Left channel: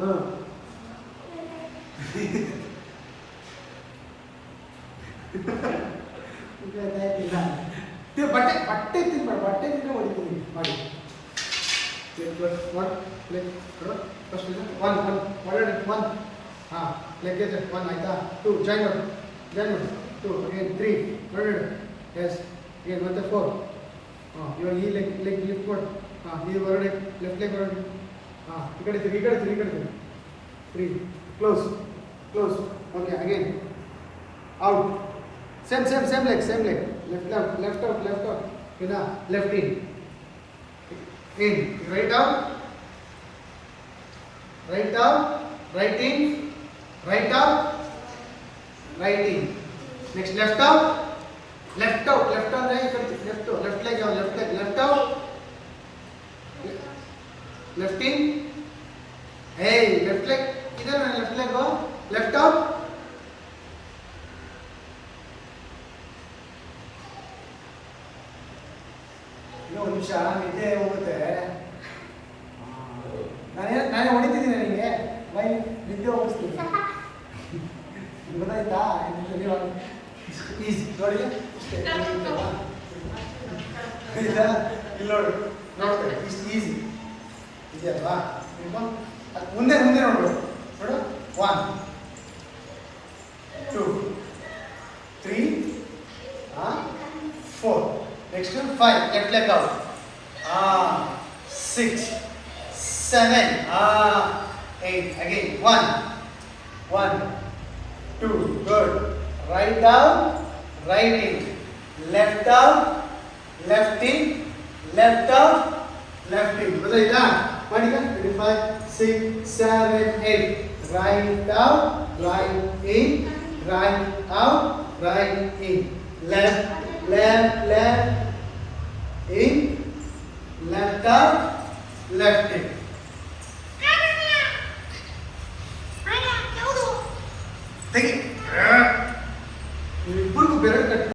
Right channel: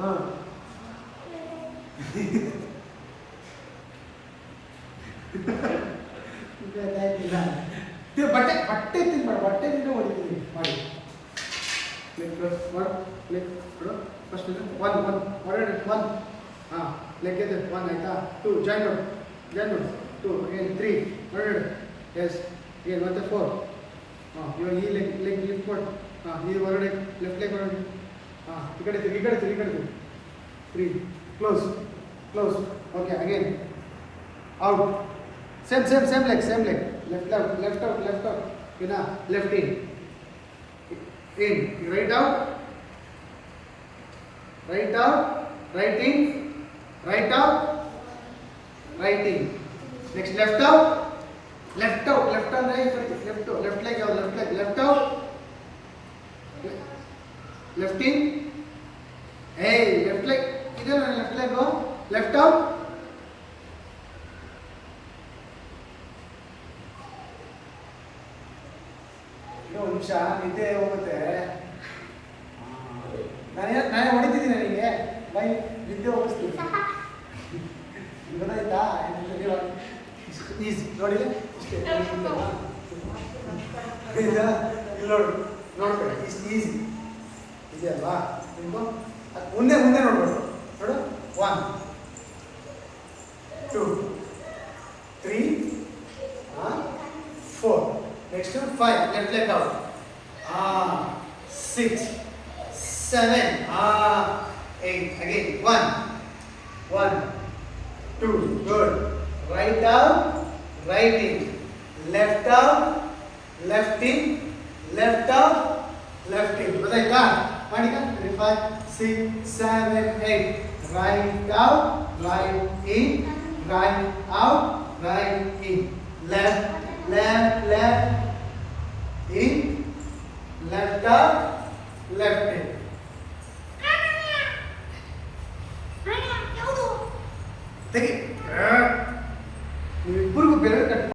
ಹಾಂ ಬಟ್ಟೆ ಬಟ್ಟೆ ತಿನ್ಬೇಡ, ಬಟ್ಟೆದಿಂದ ಹೊಡಿತೀನಿ ಮಾಡಿ. ಫಸ್ಟ್ ಒನ್ ಒನ್ ಹೊರಡಿ ಒನ್. ಹಾಂ ಲೆಗ್ ಇದೆ ಒನ್ ಆಯ್ತಾ. Two join two again three ಹೊರಡು. ಎಸ್ ಅಗೇನ್ ಮತ್ತೆ ಫೋರ್. ಹಾಂ ಇವಾಗ ಈ ಲೆಗ್ ಲಿಫ್ಟ್ ಮಾಡಿ. ಹಾಂ ಈ ಹೊರಡೆ ಲೆಫ್ಟ್ ಲೆಗ್ ಹೊರಡಿ. ಹಾಂ ಈ ಕಡೆ ತಿರುಗಿ three close okay again out. Same leg left out ಇನ್ನ left in right out right in next left out ಅಂದ್ರೆ ಈ ಕಡೆ ಲೆಫ್ಟ್ ಲೆಗ್ ಯಾವ left out left in. Left leg ಇದಲ್ಲ ಲೆಫ್ಟ್ ಲೆಗ್ ಲೆಫ್ಟ್ ಔಟ್. ಇನ್ನೊಂದು ನಿಮಿಷ ನಿದ್ದೆ ಹೋಗುತ್ತೆ. ನಾನೇ ಹೊಡಿತಿದ್ದೀನಿ ನನಗೆ ಬೈ ನಿದ್ದೆ ಹೋಗಿಸ್ತೀನಿ. ಗೊತ್ತಾಯ್ತಾ? ಈಸಿ ನೋಡಿ ಇಷ್ಟೇ ನೋಡ್ಕೊಳ್ಳಿ ಇಷ್ಟು ಈಸಿ ಇದೆ ಅಲ್ವಾ? ಮುಂದೆ ನೋಡ್ಬೋದು ನೋಡು. 1 2 3 4 next 5 left leg out 6 7 8 again 1 2 good right down right in left down left in left out left in ಗೊತ್ತಾಯ್ತಾ? ಮಾಡಿ 5 6 7 8 right out right in right out right in left in left out left in. Take it.